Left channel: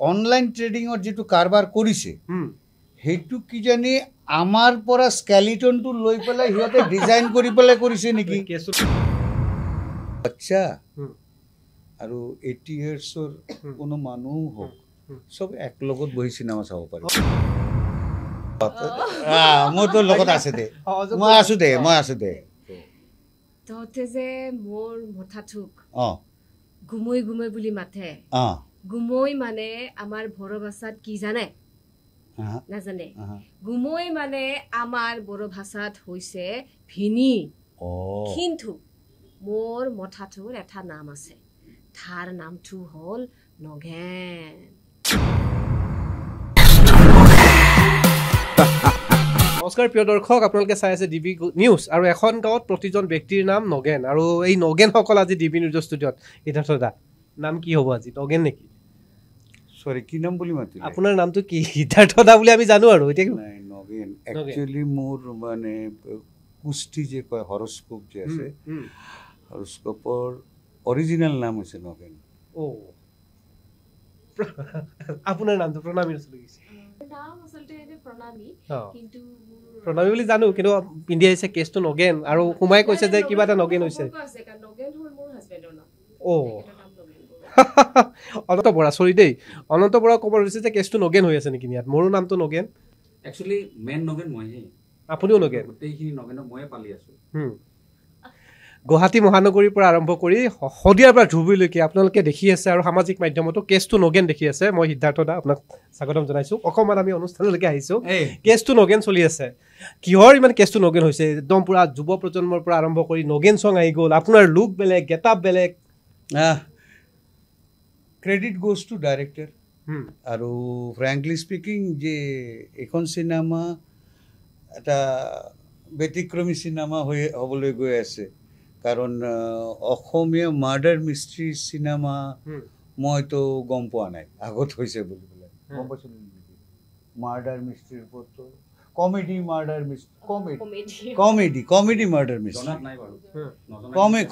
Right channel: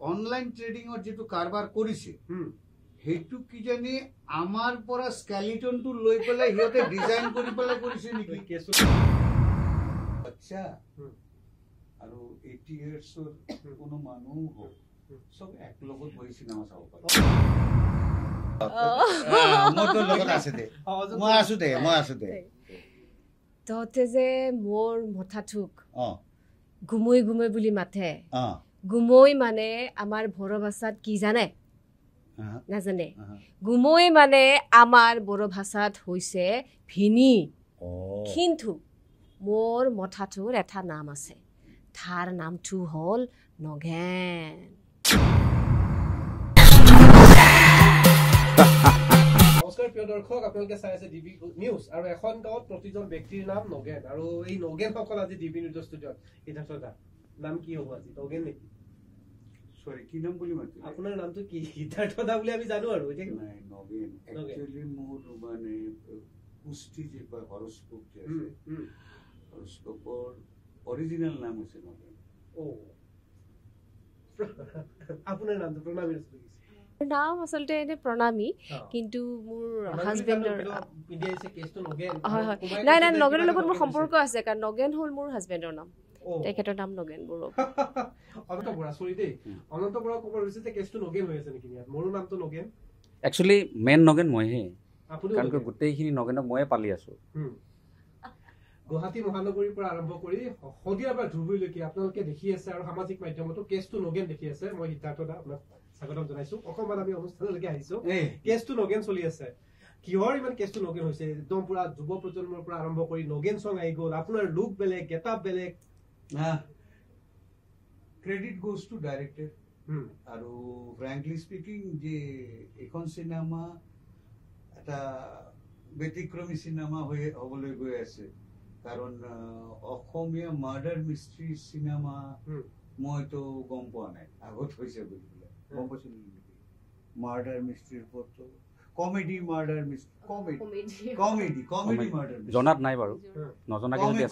Online ট্ৰেডিঙৰ যিটো কাৰবাৰ কৰিছে সেইটো কি জানি আমাৰ পৰা স্কেলিটনটো লৈ পেলাই সিহঁতে ডিজাইন কৰি পেলাই কৰিছে নেকি আচ্ছা আৰু 80 ইয়াৰ্ছৰ কোনো মানুহ হওক সব একলগত বহি চিনেমা চাব পাৰে মোৰতো লগত আছে দে মই আছো দে তহঁতে যে মোৰ মথাটোক গুমৈ গুমৈ বুলি মাতে গুমৈ মানে আমাৰ বড়ো ভাষাত কি জানে নাজানে গুমৈ মানে আমাৰ বড়ো ভাষাত হৈছে ভিনি কিন্তু মোৰ মথাটোৰ এটা নাম আছে তাৰ নামটো হ'ল নগেন নমস্কাৰ প্ৰিয় দৰ্শক আপোনালোকে চাই আছে ডিবি নিউজ আৰু এখন গাঁৱত প্ৰতিজন ব্যক্তিৰ নাম নগেন আৰু এই নগেনসকল আজি ডিবি নিউজ ষ্টুডিঅ'ত সিদ্ধাৰ্থ দা নাম কি হ'ব আজি নগেন নেকি সৰি কি নাম বুলি মাতিলে আপোনাৰ নামটো কি সিদ্ধাৰ্থ দা বুলি আমি জানো আৰু এতিয়া নাই নগেন একচুয়ালি মোৰ মানে কুষ্টি যে কয় হৰস্কোপ যে আছে হৰস্কোপৰ অৰিজিনেল নাম হৈছে নগেন আপোনাৰ নামটো প্ৰণামী আছিল নাম আসলতে এনে প্ৰণামী কিন্তু মোৰ প্ৰণামী বুলি জানো কিন্তু পিন্ধি আহিছে কেছটো নগেন আৰু কুমাই কৈছে যে কিবা এটা নগেন হৈছে সম্পৰ্ক আছে কাৰণ নগেন হ'ল মোৰ হাজবেণ্ডৰ নাম তেখেতৰ নাম নগেন বড়ো অনন্ত বৰা সৰি দেই অনন্ত বৰা ক'ব হৈছে যে কেছটো নগেন হৈ আছে নেকি ইয়াত মোৰো নামটো নগেন একচুয়ালি মেন নগেন মইহে আপুনিও নগেন গোটেইখিনি নগেনক ময়ে পালি আছো গুৱাহাটী মহানগৰীৰ পৰা আৰম্ভ কৰি শদিয়াৰ পৰা ধুবুৰীলৈকে আপোনালোকে দেখি আছে আৰু সামাজিক মাধ্যমতো কেছটো নগেন দেখি আছে মই সিদ্ধাৰ্থ দা আপোনাক স্বাগতম জনাইছোঁ অকণমান আমি অনুষ্ঠানলৈকে আহিছোঁ কেছটো নগেন চলি আছে কিহৰ ইমান কেছটো নগেন হৈছে একদম পুৰা যুৱ প্ৰজন্মৰ পৰা আৰম্ভ কৰি নগেন চং আহি গ'ল আপোনাৰ লুক বেলেগ গেট আপ বেলেগ ক্ৰেডিট গোজ টু ডাইৰেক্টৰ আৰু ফ্ৰেংকলি স্পিকিং যে এখন চিনেমা এটা ব্যতিক্ৰমী চিনেমা হ'বলৈ গৈ আছে কাৰণ অসমীয়া মাৰ্ডাৰ মিষ্ট্ৰি চিনেমা মইতো গম পোৱা নাই আগত হৈছে বুলি পেলাই গম পাইছিলোঁ নেকি মাৰ্ডাৰ মিষ্ট্ৰিৰ ওপৰতো কমেডি মাৰ্ডাৰ মিষ্ট্ৰি কমেডি মাৰ্ডাৰ মিষ্ট্ৰি জনাত নাই বাৰু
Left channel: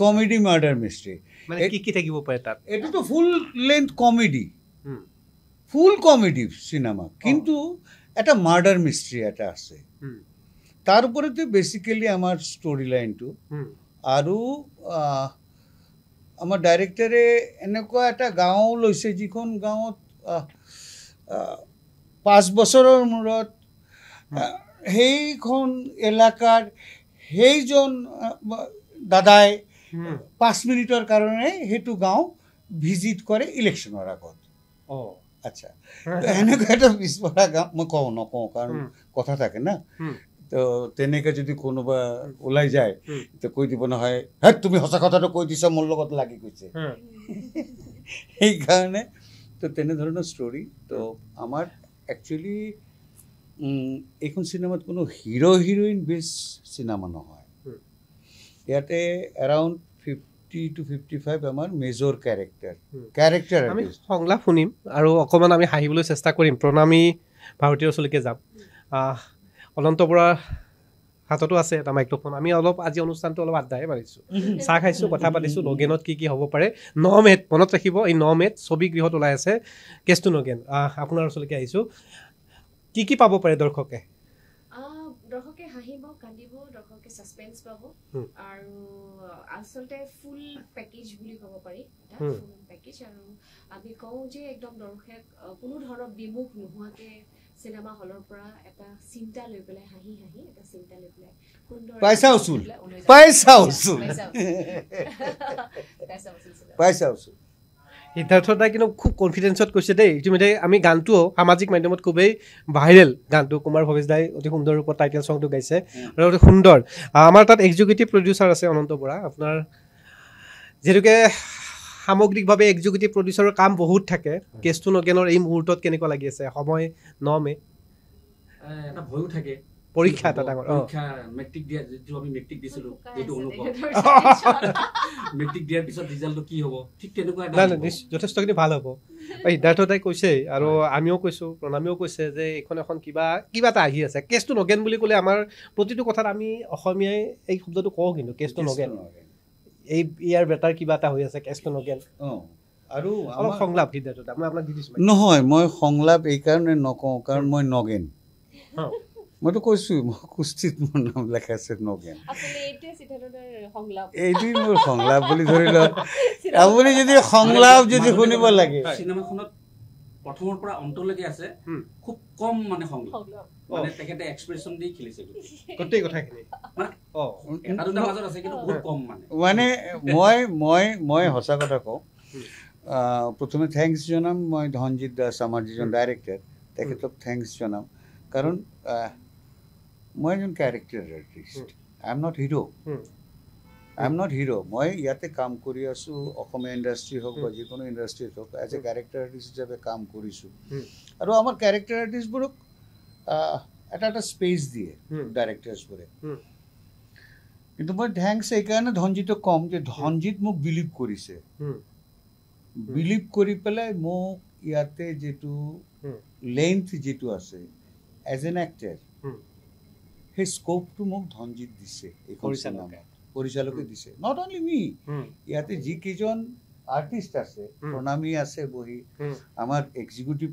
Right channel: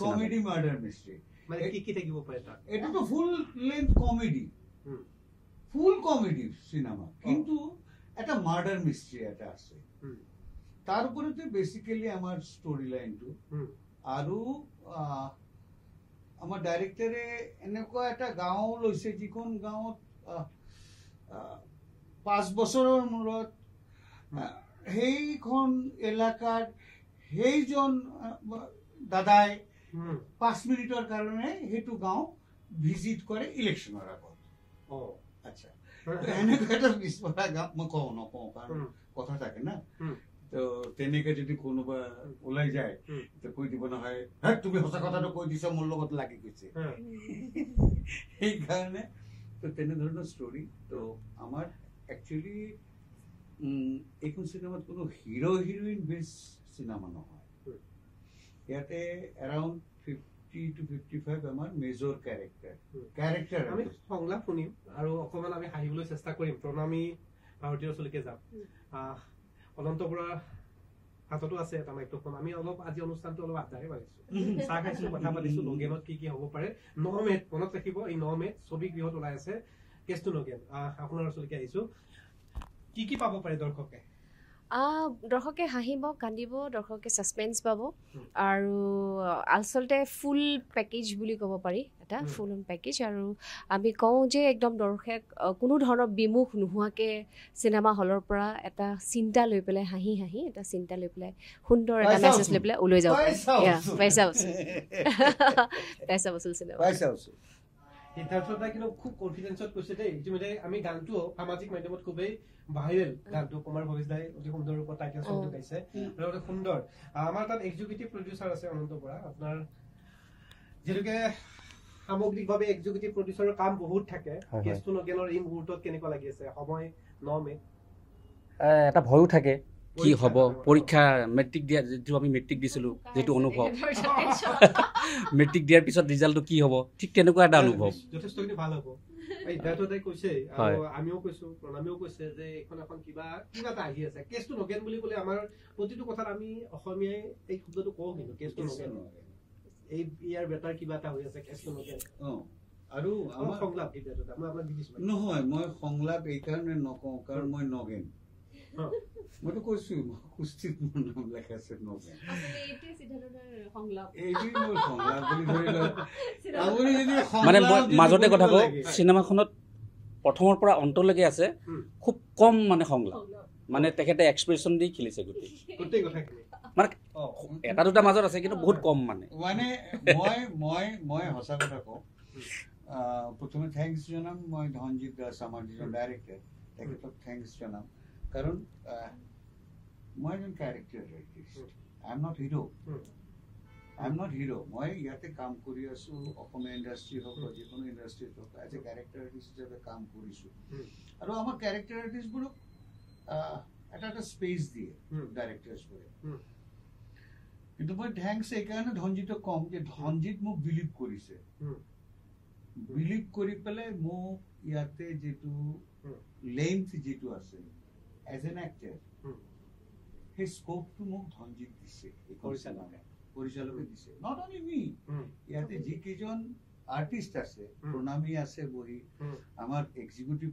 কমেডি মাৰ্ডাৰ মিষ্ট্ৰি মানে কি থাকিব পাৰে তাত এইটোতো ফুল লেন্থ কমেডি ফুল কমেডি চিনেমা কিন্তু এটা মাৰ্ডাৰ মিষ্ট্ৰি এটা আছে তাৰ ওপৰতে বেচিকেলি আমাৰ ষ্টৰি লাইনটো আৰু আমাৰ ডাইৰেক্টৰে এনেকুৱা এটা গাঁও লৈছে যিখন গাঁৱত 5 বছৰৰ মূৰত সেইখন এলেকাৰ সেইজন দাদাই 5 মিনিটৰ কাৰণে সেইটো গাঁও ভিজিট কৰে ইলেকশ্যনৰ আগত আচ্ছা এনেকুৱা এটা পিছপৰা গাঁও মই নকওঁ কাৰণ কথা থাকে না তো তেনেকৈ যদি কোনোবা ওলাই যায় তো কৈ দিব নহয় হে তুমি সঁচা কথাটো কৈ দিছা মোৰ লগত লাগি গৈছে সেইকাৰণে তো তেনেধৰণৰ ষ্টৰি তো আমাৰ একচুৱেলি এইখন চিনেমাত কোনো হিৰো হিৰইন বেছ চিনেমা নহয় ইয়াতে এৰাউণ্ড 50 to 55 আমাৰ মেজৰ কেৰেক্টাৰ আমি সংলাপ শুনিম আৰু অকণমান আমি হাঁহিবলৈ চেষ্টা কৰিম প্ৰণামী ভাৰতীয় ওচৰলৈকে যাম অনন্ত বৰাৰ হাততো আছে এটা মাইক্ৰফোন আমি অলপ আজি অনুষ্ঠানটো অলপ আড্ডাহে মাৰিছোঁ চাহ খাইছোঁ কথা পাতিছোঁ নগেনত কি হ'ব পাৰে 9 মেত মনত ৰাখিব এই 9 মেত ছবি গৃহত ওলাই আছে কেছটো নগেন আপোনাৰ ওচৰলৈকে আহিছোঁ কি পাব পাৰে দৰ্শকে দৰ্শকে হাঁহিব কান্দিব দৰ্শকে ছাছপেন্স পাব আৰু আচলতে ফুল পেকেজ বুলি ক'ব পাৰি এটা ফুল পেকেজ আৰু আমি কওঁ যে একদম দৰ্শক কোনো ধৰণৰ বিমুখ নোহোৱাকৈ চিনেমা হলৰ পৰা এটা চিন্তা লৈ পেলাই হাঁহি এটা চিন্তা লৈ পেলাই সুন্দৰ লৈ পেলাই ওলাই যাব পইচা সিদ্ধাৰ্থ দাই কিন্তু খুব কনফিডেঞ্চত কৈছে দেই ইতিমধ্যে আমি গানটো সামাজিক মাধ্যমত খুবেই ভাইৰেল গানটো কুমাৰ ভৱেশ দাই অতি সুন্দৰ ৰূপত টাইটেল ছংটো গাইছে আৰু অতি সুন্দৰ আমাৰ তাত এক্সিকিউটিভ প্ৰডিউচাৰ আছে অনন্ত বৰা আপোনাৰ যিহেতুকে সামগ্ৰিকভাৱে এক্সিকিউটিভ প্ৰডিউচাৰৰ কাম বহুত থাকে কেছটো নগেনৰ এই মুহূৰ্তত কেনেকুৱা লাগি আছে সময় 9 মে এটা ভয়ো থাকে পৰীক্ষা মেট্ৰিক দিয়া যিটো আমি মেট্ৰিক দিছিলোঁ যিটো অনুভৱ মেট্ৰিক দিয়াৰ পিছত ৰিজাল্টটো কি হ'ব ঠিক তেনেকুৱা এটা যথেষ্টখিনি ভাল হ'ব সিদ্ধাৰ্থ দাই কৈছে আৰু আমিও কৈছোঁ প্ৰণামীও কৈছে যে এইখন এখন কিবা এটা আহি আছে কেছটো নগেন বুলি ক'লে আমাৰ প্ৰতিটো কথাত আমি অসমীয়াই এই শব্দটো কওঁ কিন্তু কেছটো নগেন এই ইয়াৰ বেটাৰ কিবা এটা হৈ আছে কেছটো নগেন আৰু অলপ সংলাপ সিদ্ধাৰ্থ মই আপোনাক দি দিছোঁ নহয় মই সংলাপ এইকাৰণে নকওঁ কাৰণ মই নগেন মইতো কৈছোঁ মই কুস্তিত মোৰ নাম লেখা আছে নগেন এইটোৱে মোৰ সংলাপ বুলি ধৰি লওক আপুনি যদি সংলাপ যদি শুনিব লাগে চিনেমাখনত প্ৰথমৰ পৰা অন্তলৈকে আছে খুব কম মানে সংলাপ মানে তেখেতে এক্সপ্ৰেছন দি খেলিছে গোটেই কথাখিনি মানে এটা দুটা মাজত আছে কিন্তু বহুত কম মানে মই সঁচা কথা কওঁ প্ৰথমে থেংকছ জনাম মই ধনজিৎ দাস আমাৰ যিজন ডাইৰেক্টৰ তেখেতক থেংকছ জনাম কাৰণ মই এজন character artist I am not hero মই ইয়াতে কাম কৰি আছোঁ অসমীয়া ইণ্ডাষ্ট্ৰি হওক বা যিকোনো ইণ্ডাষ্ট্ৰিত হওক এজ এ কেৰেক্টাৰ আৰ্টিষ্ট হিচাপে কাম কৰিছোঁ আৰু আমাৰ কেৰেক্টাৰ আৰ্টিষ্টবোৰক এটা স্পেচ দিয়ে ডাইৰেক্টাৰ্ছবোৰে কিন্তু মই থেংকছ এইকাৰণে ধনজিতক ক'ম যে ধনজিত মোক বিলিভ কৰিছে বিলিভ কৰি পেলাই মোক ইয়াতে যিটো লেন্থ যিটো আছে এজ এন এক্টাৰ সেই স্কোপটো মোক ধনজিত দিছে এইখন পৰিচালকে দিছে নট অনলি মি ইয়াতে যিকেইজন আৰ্টিষ্ট আছে প্ৰণামী আছে বহি আমাৰ এক্সিকিউটিভ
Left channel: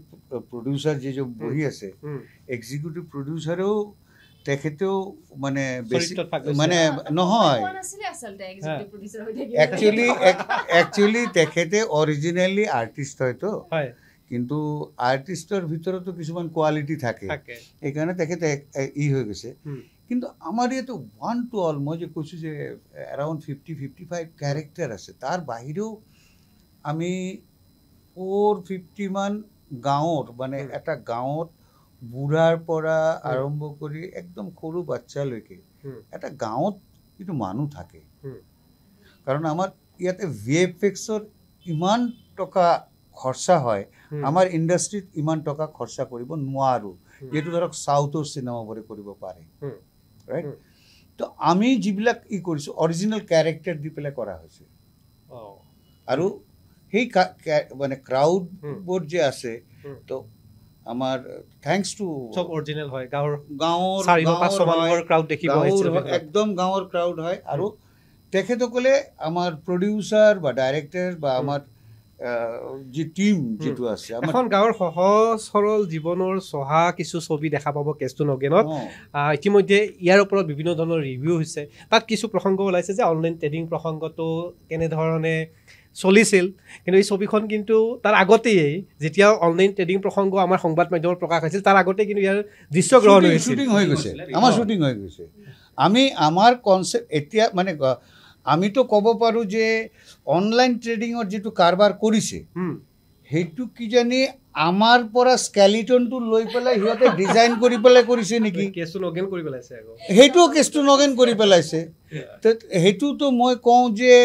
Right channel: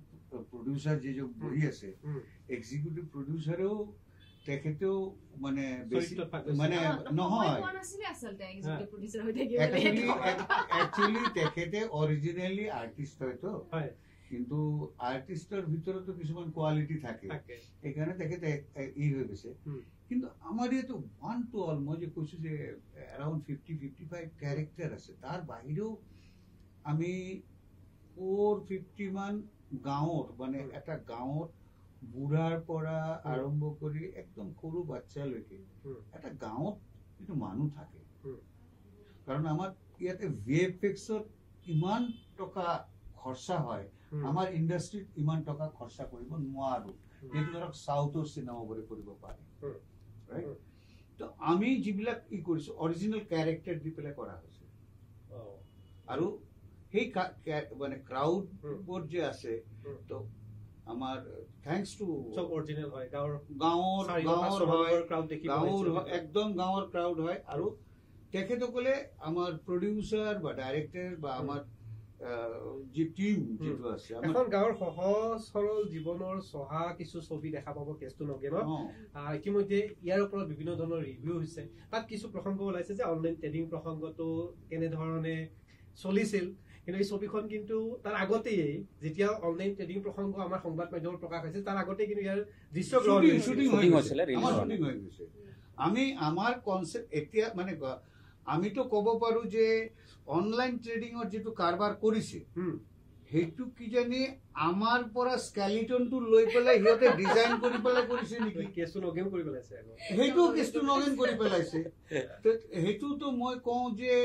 প্ৰডিউচাৰ যিজন বহি আছে এক্সিকিউটিভ প্ৰডিউচাৰেও তেখেতেও মানে বেছি মানে নহয় একচুৱেলি তেখেতে অৰিজিনেলি আৰ্টিষ্ট হয়তো কিন্তু আৰ্টিষ্টৰ ভিতৰতো কিছুমান কোৱালিটি থাকে সেইকাৰণে তেখেতে ই হৈ গৈছে কিন্তু আমাৰ ইয়াতো ওৱান টু অল মই যে কৈছোঁ যে এৰাউণ্ড 50-55 কেৰেক্টাৰ আছে তাৰ বাহিৰেও আমি 450 মান গাঁৱত মানে এটা গাঁৱত বুঢ়াৰ পৰা আৰম্ভ কৰি একদম সৰু বাচ্চালৈকে এটা গাঁৱত কিন্তু মানুহ থাকে কাৰণ আমাৰ ইয়াতে VFXৰ ইমান টকা খৰচা হয় আমাৰ ইণ্ডাষ্ট্ৰীত ইমান টকা খৰচা কৰিব নোৱাৰোঁ যিটো ধৰক চাউথৰ চিনেমাবোৰে কৰিব পাৰে ৰাইট তো আমি যিবিলাক ই কৰিছোঁ অৰিজিনেল কেৰেক্টাৰ দি পেলাই কৰা হৈছে আৰু সেই মানে ক্ৰাউডবোৰ যে আছে তো আমাৰ থ্যাঙ্কস টু সব অৰিজিনেল হয় গাঁৱৰ ক্ৰাউড দেখিব একদম গাঁৱৰ ক্ৰাউড হয় আৰু তেখেতসকলে আমাৰ প্ৰডিউচাৰ বা ডাইৰেক্টৰ বা আমাৰ যি টিম যিটো আছে এখন গাঁৱৰ সহজ সৰল জীৱনৰ চহা কিছু ছবি দেখা পাব কেছটো নগেনত ইতিমধ্যে ইয়াৰ ওপৰত বিভিন্ন ধৰণৰ ৰিভিউ হৈছে তাত কিছু প্ৰসংগ ওলাইছে যে অনলাইন ট্ৰেডিং প্ৰসংগটো কেনেধৰণে চলিছিল কিন্তু এই ছবিখন কিন্তু তাৰ আগতেই যেতিয়া অনলাইন ট্ৰেডিং প্ৰসংগ আমাৰ সংবাদ মাধ্যমত প্ৰকাশ হৈছিল তাৰ আগতে কিন্তু ইয়াৰ দৃশ্যগ্ৰহণ হৈছিল আমাৰ শ্বুটিং হৈ গৈছে আমি আমাৰ কনচেপ্ট এতিয়া মানে আমিতো ক'ব পাৰোঁ যে অনলাইন ট্ৰেডিঙৰ যিটো কাৰবাৰ কৰিছে সেইটো কিজানি আমাৰ পৰা স্কেলিটনটো লৈ পেলাই সিহঁতে ডিজাইন কৰি পেলাই কৰিছে নেকি সেইটোও কেছটো নগেন কৰি পেলাইছে সেইটোতো মই কওঁ যে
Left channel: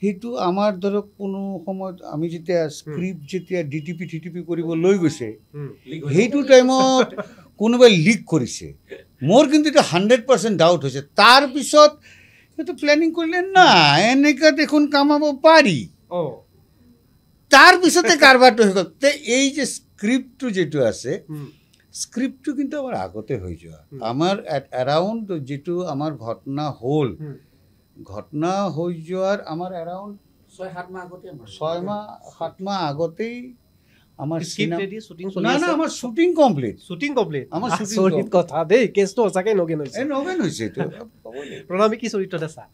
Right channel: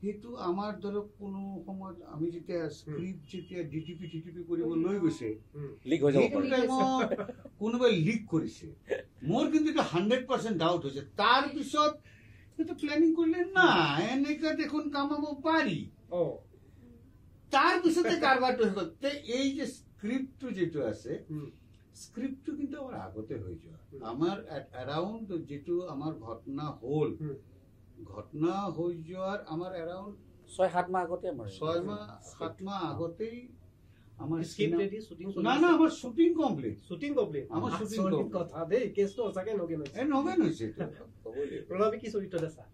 সেইটো আমাৰ ধৰক কোনো সময়ত আমি যেতিয়া স্ক্ৰিপ্ট যেতিয়া ডিটিপি কৰিব লৈ গৈছে সেইটো টাইমত কোনোবাই লিক কৰিছে মোৰ কিন্তু এটা 100% ডাউট হৈছে তাৰপিছত সেইটো প্লেনিং কৰিলে না এনেকুৱা দেখোন কামাব পাৰি তাৰপিছতে কাৰবাৰটো হৈ গ'ল তে এই যে স্ক্ৰিপ্টটো যিটো আছে স্ক্ৰিপ্টটো কিন্তু আমাৰ আগতে হৈ যোৱা আমাৰ এৰাউণ্ড যিটো আমাৰ ঘটনা হ'ল ঘটনা হৈ যোৱাৰ আমাৰ এৰাউণ্ড 6-7 মাহ আগতে 6-7 মাহ আগতেই আমাৰ আমাৰ শ্বুটিং কমপ্লিট আমাৰ শ্বুটিং কথা দেই কেছটো সঁচাকৈ নগেন হৈছে এইটো প্ৰণামী কি চৰিত্ৰত আছা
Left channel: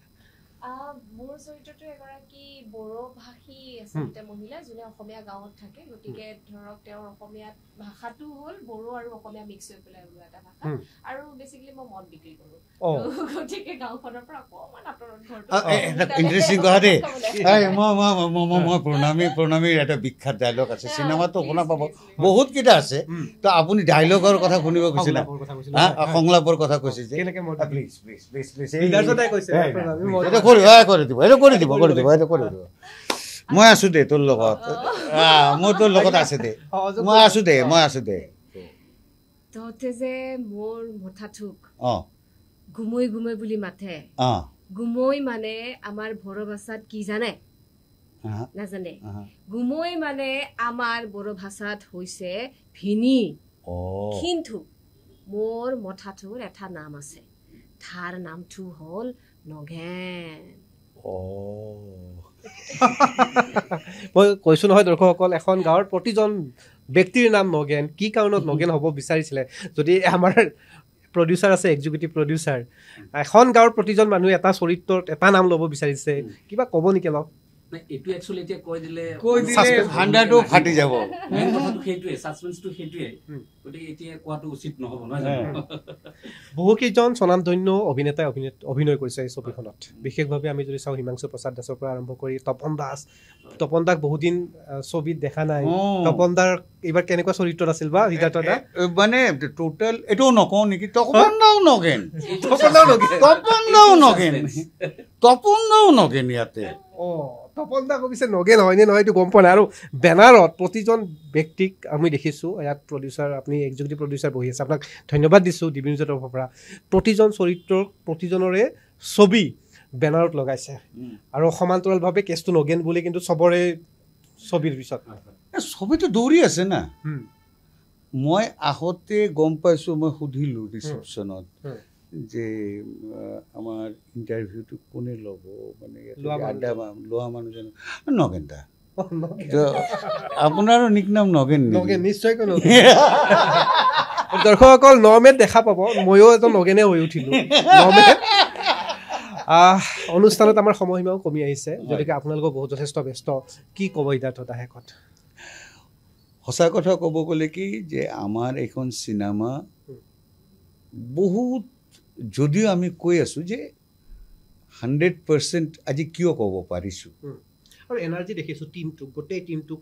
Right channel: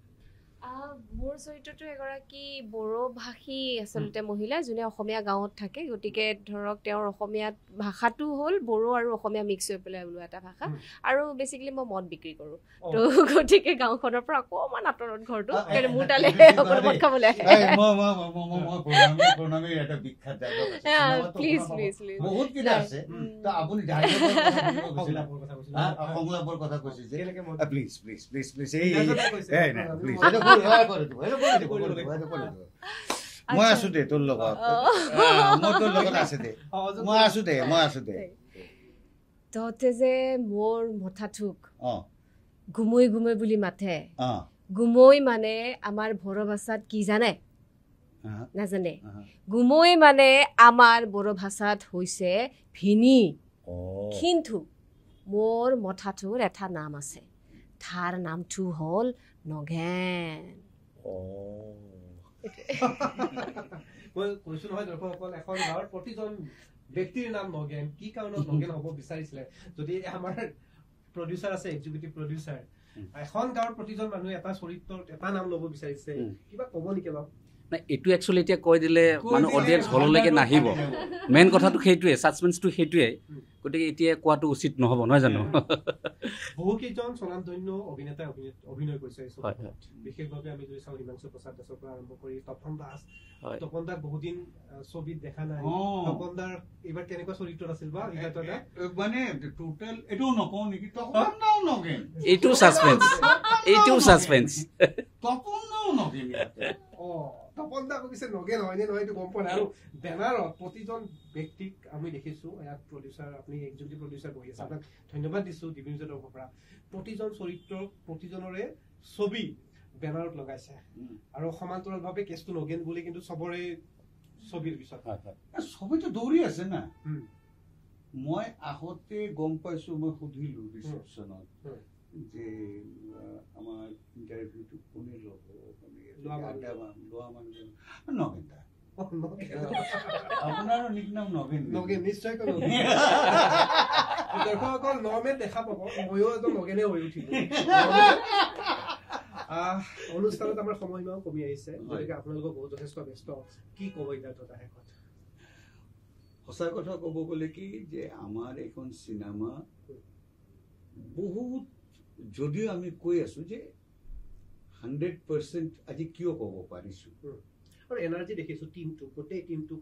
মোৰ চৰিত্ৰটো এগৰাকী বড়ো ভাষী আচলতে মহিলা যোনে অসমীয়া গাঁৱত থাকে গতিকে ধৰক তেওঁৰ অসমীয়াত ভাষাটো হ'ল বড়ো আৰু অসমীয়া মিক্স হৈ পেলাই ওলোৱা এটা ভাষা আৰু বেচিকেলি মই মদ বিক্ৰী কৰোঁ তো গতিকে গাঁওখনৰ পৰা অকণমান আঁতৰত ঘৰটো প্ৰণামীৰ এটা বিখ্যাত ডাইলগ আছে চিনেমাটো শুনা পাব বহুত কেইটা আছে তো আপুনি ডাইলগৰ কথা শুনিব গৈছিল সংলাপৰ কথা কৈছে যে প্লিজ প্লিজ প্লিজ প্লিজ মই আছো দে তোৰ লগত মোৰ তোৰ লগত আছে দে মই আছো দে তহঁতে যে মোৰ মথাথোক গুমৈ গুমৈ বুলি মাতে গুমৈ মানে আমাৰ বড়ো ভাষাত কি জানে নাজানে গুমৈ মানে আমাৰ বড়ো ভাষাত হৈছে ভিনি কিন্তু মোৰ মথাথোৰ এটা নাম আছে তাৰ নামটো হ'ল নগেন মই কৈছোঁ নহয় দৰ্শকসকল, এখন গাঁৱৰ প্ৰতিজন ব্যক্তিৰ নাম নগেন। কি কাৰণত নগেন হ'ব বিচাৰিছিলে? যদি আমাৰ প্ৰডিউচাৰ আছে, এক্সিকিউটিভ প্ৰডিউচাৰ, এখন গাঁৱৰ প্ৰতিজন মানুহে এটা চৰিত্ৰত এটা নাম ল'ব বিচাৰিছে, কিবা ক'ব নেকি অলপ? এইটো একচুৱেলি এতিয়া কৈ দিলে ফাটি যাব। মেইন কথাটো সেইটোৱে, ছাছপেন্সটো সেইটোৱে, গতিকে এতিয়া কোৱাটো উচিত নহ'ব, নহয় জানো? বহুকেইজন স্বনামধন্য অভিনেতাই অভিনয় কৰিছে এই ছবিখনত। বিশেষভাৱে আমি যদি চাওঁ, হিমাংশু প্ৰসাদ দাসৰ পৰা আৰম্ভ কৰি তপন দাস। তপন দাক বহুদিন ছবিত দেখা নাই। তপন দাৰ এইবাৰ কেনেকুৱা চৰিত্ৰত আছিল বা সিদ্ধাৰ্থ দা? মানে টোটেল এইটো নকওঁ নেকি, তপন দাও নগেন, তপন দাও নগেন ইয়াতে। তপন দা কৈছে নগেন হয়নে নহয় এইটো গম পোৱা নাই। আৰু বেনাৰত প্ৰতিজন ব্যক্তিক আমি দেখিছোঁ, ইয়াত প্ৰডিউচাৰ, আপুনি এক্সিকিউটিভ প্ৰডিউচাৰ বহি আছে, আপোনাক ধন্যবাদ দিছোঁ ডিভিনিউজৰ তৰফৰ পৰা। প্ৰতিজন চৰিত্ৰৰ প্ৰতিজনৰে ছবি বেনাৰত লগাইছে আৰু সমান্তৰালভাৱে কেছটো নগেন বুলি কিন্তু চবৰে ছবিৰ পিছত ছবিটো দৌৰি আছে না। মই আহোঁতে গম পাইছোঁ, মই সুধিলোঁ ৰিচেপশ্যনত যে আমাৰ ইণ্টাৰভিউটো কোনে ল'ব, মানে লোৱা মানুহজন নগেন দা। আপোনাৰো নিক নাম নগেন? নগেন, নিশ্চয়। দৰ্শকসকল 9 মে'ত দেখা পাব, ময়ো এজন নগেনে হৈ উঠিলোঁ 9 মে'ত। অনুষ্ঠানত আমাৰ সময়সীমাও কমি আহিছে, গতিকে আপোনালোকৰ বহুত যথেষ্ট ব্যস্ত। কি ক'ব সিদ্ধাৰ্থ দা শেষত? সঁচা কথা ক'ব গ'লে কি যে আমাৰ এইখন চিনেমা বহুত, যদিও আমি কৈ আছোঁ যে 100% আজি কিয় ক'ব পাৰিছোঁ, আৰু এনাৰ্জি দেখিছোঁ টিমটোক, গোটেই টিমটোক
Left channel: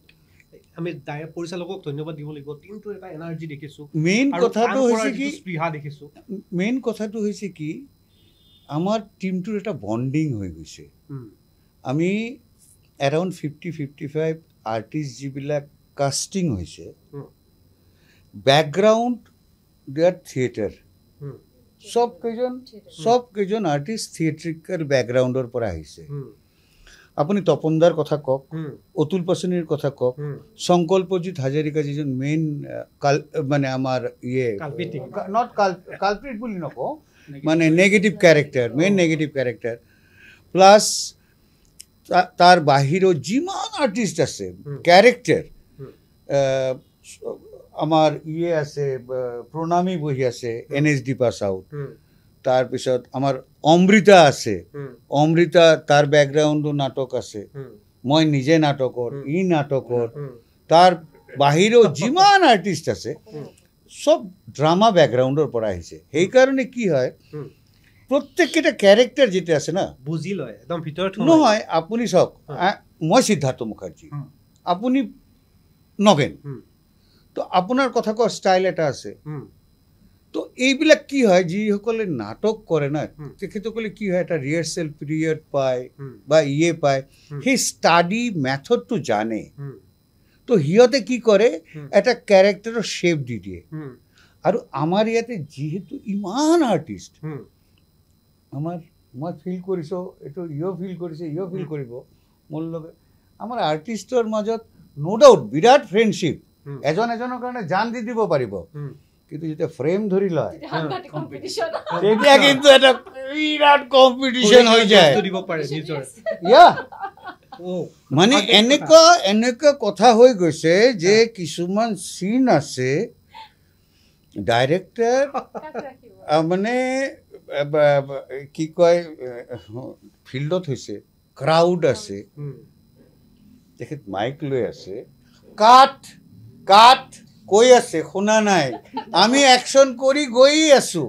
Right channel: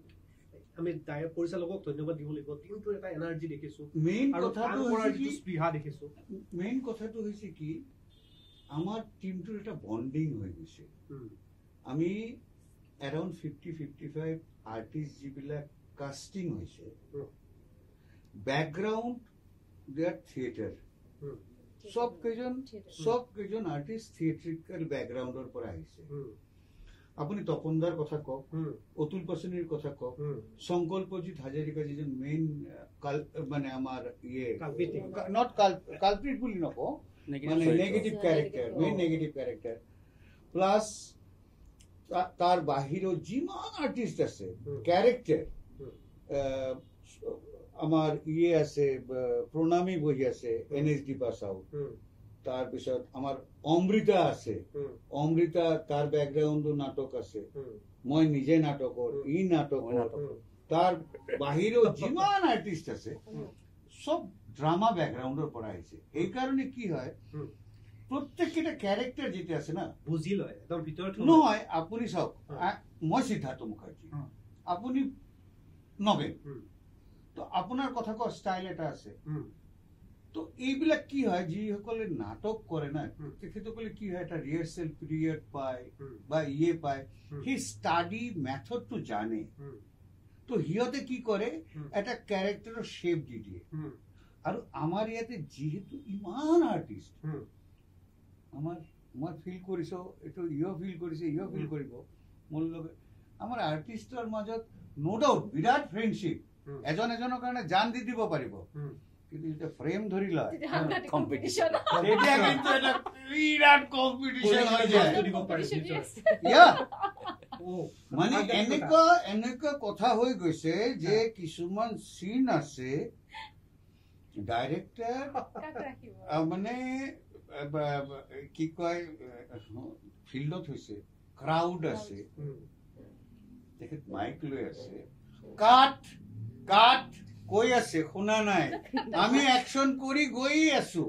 আমি পৰিচালকক ধন্যবাদ দিব লাগিব। টিমটোৰ এটা এনাৰ্জি দেখিছোঁ। মেইন কথাটো হৈছে কি আমাৰ টিমটোৰ এটা বণ্ডিং হৈ গৈছে। আমি এৰাউণ্ড 50-55 আৰ্টিষ্ট যিবিলাক কাষ্টিং হৈছে, বেকগ্ৰাউণ্ড দেয়াৰ থিয়েটাৰ, সব কেইজন আৰ্টিষ্ট থিয়েট্ৰিকেল বেকগ্ৰাউণ্ডৰ পৰা আহিছে। আপুনি তপনদাৰ কথা কওক, অতুল পাচনিৰ কথা কওক, সংকল্পজিৎ হাজৰিকা যিজন মেইন মানে আমাৰ নট কালপ্ৰিট বুলি নকওঁ, মানে negative character, main negative character, plus তাৰ বাহিৰেও যিমান আৰ্টিষ্ট আছে কেৰেক্টাৰ, আমাৰ আছে প্ৰণামী বহি আছে NSD পাছ আউট, তাৰপিছত আমাৰ অমৃতা আছে, অমৃতা তাৰ বেকগ্ৰাউণ্ডো নাটক আছে, মই নিজে নাটকৰ, নাটকৰ, তাৰ বাহিৰেও যিমান আৰ্টিষ্ট আছে সব ড্ৰামা বেকগ্ৰাউণ্ডৰ পৰা আহিছে। সেইকাৰণে কি হয়, প্ৰত্যেককেইটা কেৰেক্টাৰ যেতিয়া আছে না বুজি লয় একদম ভিতৰত। নহয় আপুনি চাওক, মই সিদ্ধাৰ্থ মুখাৰ্জী, আপুনি নগেন, তো আপোনাৰ কথা কোৱা ষ্টাইল এটা আছে। তো এইবিলাক কি হয়, যিসকলে নাটক কৰে না তেখেতসকলে কি হয়, এটা ৰিহাৰ্চেল পিৰিয়ড পায় বা পায়, সেই ষ্টাডি মেথডটো জানে। তো সিহঁতে কি কৰে, এটা কেৰেক্টাৰৰ শ্বেপ দি দিয়ে। আৰু আমাৰ ইয়াতে যিহেতু ইমান আৰ্টিষ্ট, আমাৰ মই ফিল কৰিছোঁ, এইটো ফিল কৰিছে, ফিল কৰিব মোৰ লগত, আমাৰ আৰ্টিষ্টৰ মাজত ন' ডাউট বিৰাট ফ্ৰেণ্ডশ্বিপ, এজন এজনৰ কাৰণে জান দি দিব পাৰিব, কিন্তু যেতিয়া ফ্ৰেম ধৰি লয় তেতিয়া কিন্তু এটা বিৰাট কম্পিটিশ্যন হৈ যায়। মানে এনেকুৱা কথা হৈ গৈছে যে কিছুমান চিন আছে ডাইৰেক্টৰ মানে কি কয়, ফিল্ডত হৈছে, ক্ৰাউড আছে, তেখেত মাইক লৈ আছে, কাট কাট কৈ আছে, শুনা নাই, আমি একশ্যন কৰি গৈয়ে আছো,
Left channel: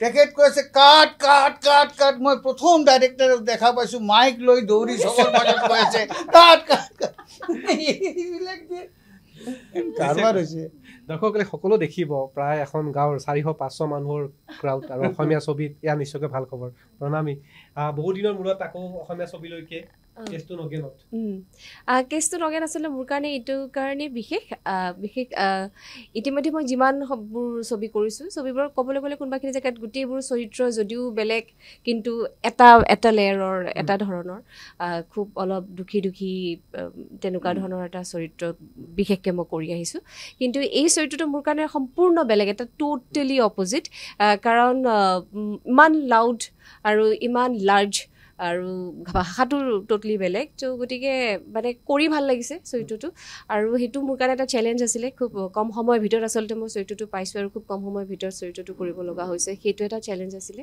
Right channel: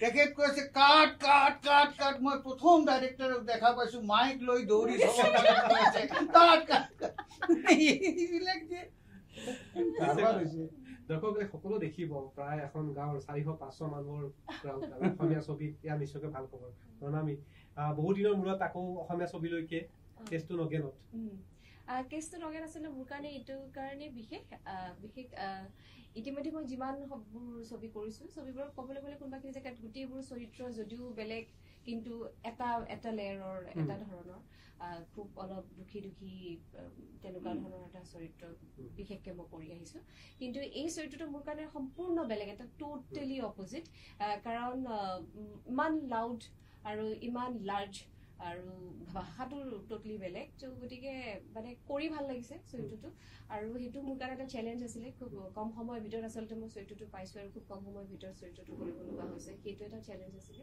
তেখেত কৈ আছে কাট কাট কাট কাট। মই প্ৰথম ডাইৰেক্টৰক দেখা পাইছো মাইক লৈ দৌৰি চবৰ মাজত কৈ আছে কাট কাট কাট। এইবিলাক যে কাৰবাৰ হৈছে। দৰ্শকসকলে সকলো দেখিব, প্ৰায় এখন গাঁৱৰ 400-500 মানুহৰ ক্ৰাউড, আৰু অসমীয়া ছবিত এয়া নিশ্চয়কৈ ভাল খবৰ। প্ৰণামী, বহুদিনৰ মূৰত আকৌ অসমীয়া ছবিলৈকে কেছটো নগেন আচলতে মোৰ কাৰণে এইটো কাৰণে বিশেষ ইতিমধ্যে মই যিমানবোৰ ছবি কৰিছোঁ, ছবিবোৰ ক'বলৈ গ'লে কোনোবাখিনি জেগাত গোটেইবোৰ চৰিত্ৰ যদিও বেলেগ, কিন্তু এটা লেয়াৰৰ, এটা ধৰণৰ, খুব অলপ দুখী তেনেকুৱা ধৰণৰ এটা চৰিত্ৰ বিশেষকৈ মই কৰি আহিছোঁ। কিন্তু এই চৰিত্ৰটো মোৰ কাৰণে সম্পূৰ্ণ বেলেগ, এটা টোটেলি অপজিট, কাৰণ ইমান লাউড আৰু ইমান লাৰ্জ আৰু ভাষাটো টোটেলি বেলেগ ত' গতিকে মানে কৰি ভাল লাগিছে চৰিত্ৰটো আৰু সেইটো মোৰ কাৰণে এটা চেলেঞ্জ আছিলে খুব কম সময়ৰ ভিতৰত আচলতে মই চৰিত্ৰটো পাইছোঁ আৰু খুব কম সময়ৰ ভিতৰত চৰিত্ৰটো কৰিব লগা হৈছে সেইটো এটা চেলেঞ্জ আছিলে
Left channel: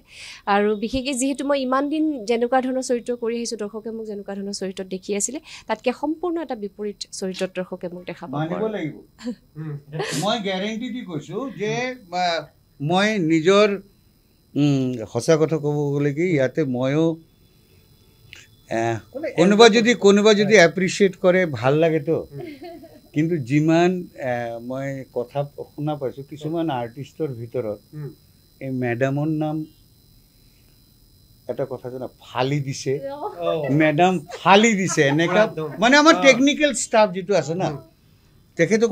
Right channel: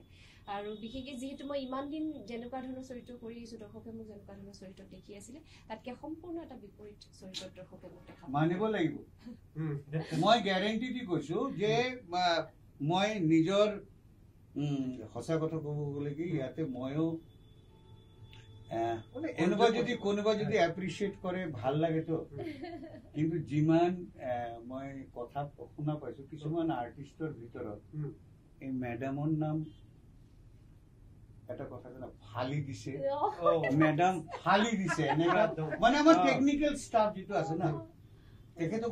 আৰু বিশেষকৈ যিহেতু মই ইমান দিন যেনেকুৱা ধৰণৰ চৰিত্ৰ কৰি আহিছোঁ দৰ্শকে মোক যেনেকুৱা ধৰণৰ চৰিত্ৰত দেখি আছিলে তাতকৈ সম্পূৰ্ণ এটা বিপৰীত চৰিত্ৰত দৰ্শকে মোক দেখা পাব লাগিব মই গ্যাৰেণ্টি দি কৈছোঁ যে মই নিজৰ সঁচা কথা ক'ব গ'লে কি ইয়াতে ময়ো কোনোবা যদি এপ্ৰিচিয়েট কৰে ভাল লাগেতো কিন্তু যিমান মই কথা শুনা পাইছোঁ কিছুমান আৰ্টিষ্টৰ ভিতৰত এই মেডামৰ নাম এটা কথা জানা ফালি দিছে মেডাম ফালি দিছে এনেকা মানে আমাৰ টেকনিকেল ষ্টাফ যিটো আছে না তেখেতো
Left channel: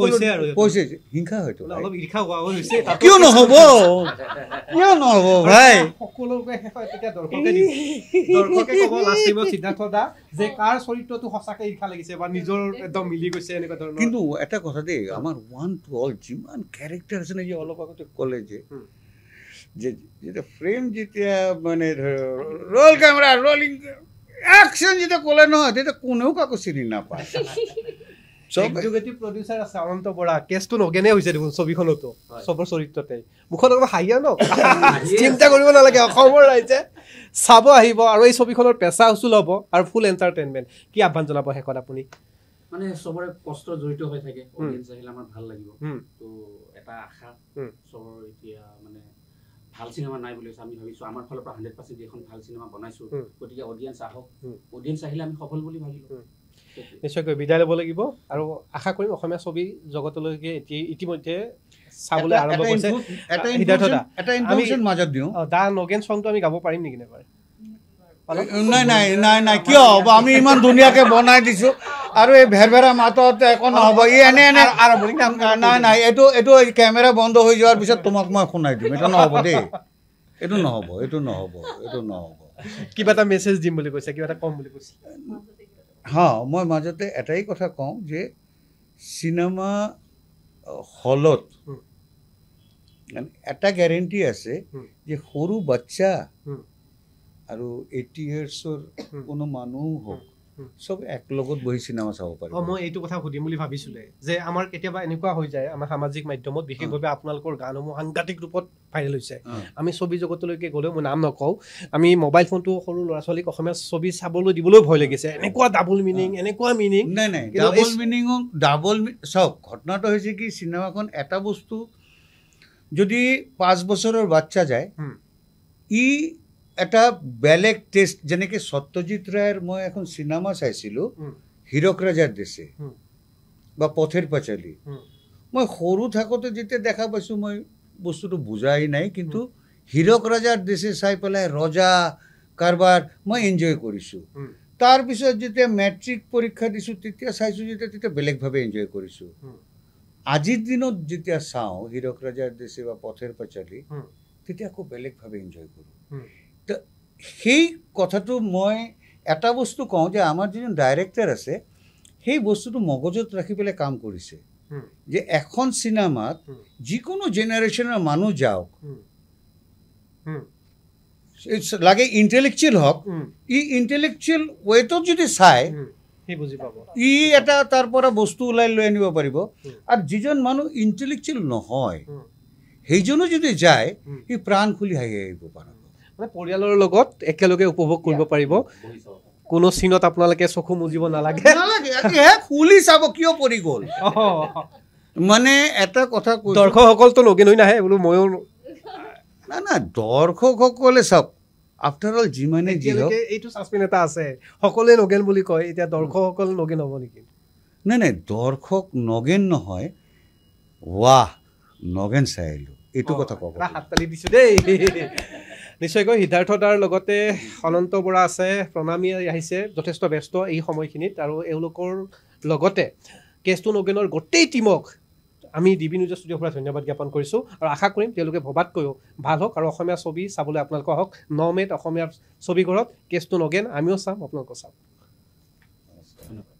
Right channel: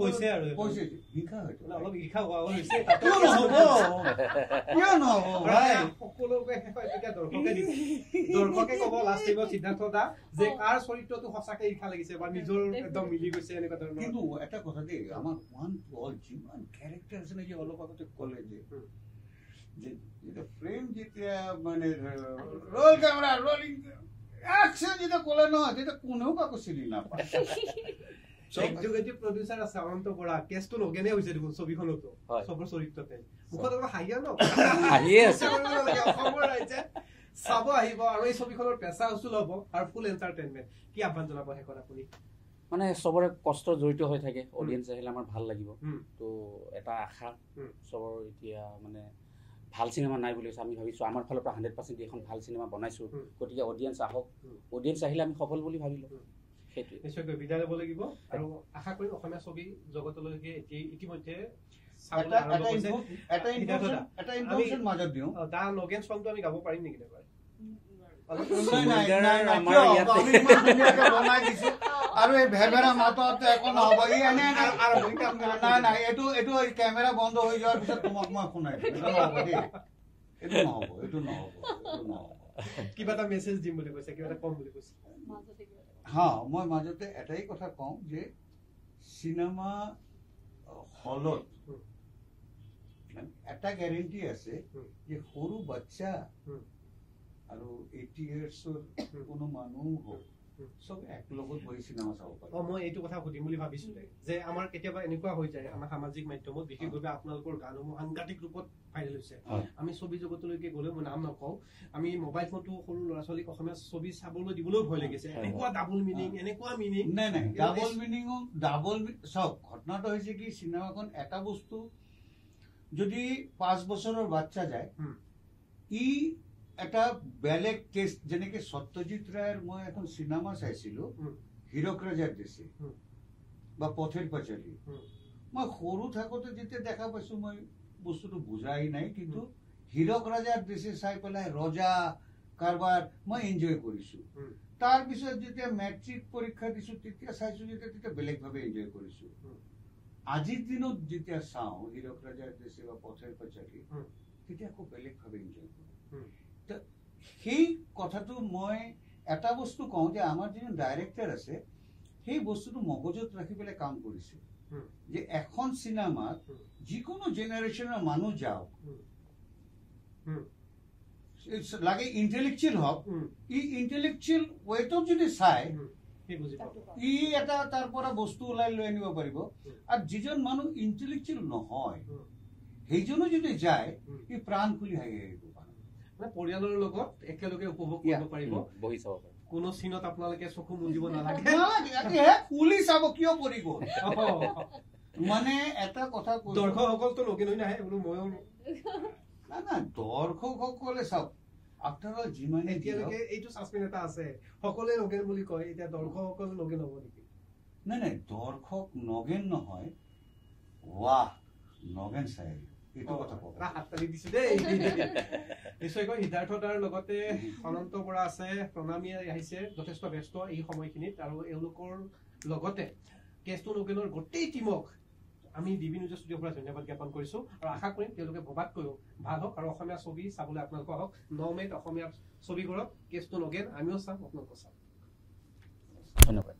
কৈছে হিংসা হয়তো কিয় নহ'ব ভাই কিন্তু এটা কথা দেই আমাৰ ওৱান টু অল যিমান কেৰেক্টাৰ আছে না যে অলপ আগতে ক'লে যে যেতিয়া ফ্ৰেম যেতিয়া মানে ৰ'ল কেমেৰা ৰলিং একশ্যন যেতিয়া ক'লে নহয় তেতিয়া কোনেও কাকো চিনি নাপায় এক্সিকিউটিভ প্ৰডিউচাৰ আছে অনন্ত বৰা কেছটো নগেনে হৈছে দেখোন ছবিখনতো চবৰ চৰিত্ৰতে মুখত অলপ হাঁহিয়া ন চিন্তা কৰিব নালাগে অসমৰ ৰাইজে চাব আহিব আৰু এই ছবিখনৰ পেচা উচুল হ'ব আৰু ফুল এণ্টাৰটেইনমেণ্ট কি আহ্বান জনাব শেষত আপুনি মানে চবৰে কষ্ট জড়িত হৈ থাকে অডিয়েঞ্চ আহিলে আমাৰ ভাল লাগিব তো এটা আশা চবৰ এতিয়া মানে ভাল চিনেমা নাই বুলি আমি ভাবিছোঁ আমাৰ ফালৰ পৰা 100% এখন ভাল চিনেমা বনাইছোঁ গতিকে অডিয়েঞ্চ আহক অডিয়েঞ্চ আহিলে আমি সফল বুলি ভাবিলোঁ নিশ্চয়কৈ বিদায় ল'ব লাগিব আৰু আশা কৰিম অসমীয়া ছবি জগতলৈকে ইতিমধ্যে চাবলৈ আৰম্ভ কৰিছে দা নগেন চংটো আমি গাব পাৰিম নেকি নেবাৰ নাই কিয় হ'ব আমি ইমান ধুনীয়াকৈ বনাই দিছোঁ আৰু এই ভেৰভেৰা মাতত একো নহ'ব ই এনে নাই এইটো কেমেৰা বন্ধ হৈ যোৱাৰ পিছত তোমাক মই শুনাই দিম এইটো নহ'ব দেই এইটো নহ'ব কিবা এটা মেছেজ দিম বুলি কৈছে কিবা এটা কম বুলি কৈছে মই মাজতে এটাই কথা কওঁ যে চিনেমা হলত এটা গ্যাৰেণ্টি আছে যে সৰু বাচ্চা আৰু 80 ইয়াৰ্ছৰ কোনো মানুহ হওক চব একলগত বহি চিনেমা চাব পাৰে মই এইটো কথা সুধিম বুলি ভাবিছিলে যে আমাৰ কেতিয়াবা এনেকুৱা হৈ যায় আমাৰ সামাজিক মাধ্যমত বিশেষভাৱে আপোনালোকৰ গানসমূহ সাংঘাতিক ৰূপত ভাইৰেল হৈছে আমি ছবি জগতলৈকে গ'লেও মই নাম নকওঁ আমি মোবাইল ফোনটো সৰু ল'ৰা ছোৱালীক অসমীয়া ছবি চাবলৈ দিবলৈ ভয় লাগিছে এনেকুৱা ডাবল মিনিং নাই ডাবল চাওক ঘটনাটো হৈছে কি চিনেমাখন এটা বস্তু যদি 5 বছৰৰ বাচ্চা যায় ই এটা বেলেগ টেষ্ট যেনেকৈ সত্যজিৎ ৰায়ৰ মই এখন চিনেমা চাইছিলোঁ হীৰক ৰাজাৰ দেশে বা পথেৰ পাঁচালী মই সৰু থাকোঁতে যেতিয়া দেখা পাইছোঁ মই বস্তুটো বুজাই নাই কিন্তু হীৰক ৰাজাৰ দেশে চাই পেলাই ৰজা কাৰবাৰ মই এনজয় কৰিছোঁ তাৰপিছত যেতিয়া মেট্ৰিক পৰীক্ষা দিছোঁ তেতিয়া চাইছোঁ তেতিয়া বেলেগভাৱে এনজয় কৰিছোঁ আজিৰ দিনত যেতিয়া চাওঁ হীৰক ৰাজাৰ দেশে বা পথেৰ পাঁচালী তেতিয়া আকৌ বেলেগভাৱে এনজয় কৰোঁ তো সেই কথাটো মই এটা বস্তু কওঁ যে আমাৰ যিজন ডাইৰেক্টৰ আছে সেই বস্তুটো মগজুত ৰাখি পেলাই কাম কৰিছে যে এখন চিনেমাত যিকোনো জেনেৰেশ্যনৰ মানুহ যাওক লাগে ইণ্টেলেকচুৱেল হওক ই ইণ্টেলেকচুৱেল ৱেটত যদি চায় ই এটা তাৰ পৰা বস্তু ওলাই লৈ আনিব পাৰিব আৰু যিজন মানুহ ইণ্টেলেকচুৱেল নহয় সেইজনো যদি যায় সি প্ৰাণ খুলি হাঁহি আহিব পাৰে মানে পৰিয়ালৰ লগত একেলগে উপভোগ কৰিব পাৰিব কোনো চিনত আপোনালোকে চকু মুজিব নালাগে খুলি চাব কিয় পৰি গ'ল মানে এটা কথা দৰ্শকসকলতো নগেন হৈ নাহে বোলো ময়ো না দৰ্শকসকলে চাওক আফটাৰ অল যিমানে যি হওক এইটো ছাছপেন্স এটা আছে সকলোৱে নগেন বুলি কয় এতিয়া দৰ্শকসকল নগেন হ'ব নেকি নাই দৰ্শক নগেন নহয় ৱাহ নগেন চাই আহিলোঁ এইটো কথা ক'ব হাততালি দিছোঁ দেই নিশ্চয়কৈ সিদ্ধাৰ্থ দাৰ লগতে অনন্ত বৰা আছে প্ৰণামী আহিছে যথেষ্ট ব্যস্ত এই সময়খিনিত আৰু এওঁলোকৰ লগতে কেছটো নগেনৰ গোটেই টীমক আমি ডিবি নিউজৰ ষ্টুডিঅ'ৰ পৰা ধন্যবাদ জ্ঞাপন কৰিছোঁ আৰু আশা কৰিম তেওঁলোকে ভবাতকৈও ভাল হওক আৰু অসমীয়া ছবি চাবলৈ আপোনালোক আহক 9 মে'ত অসমীয়া ছবিঘৰত কেছটো নগেন আমিও চাম আপোনালোকেও চাম ধন্যবাদ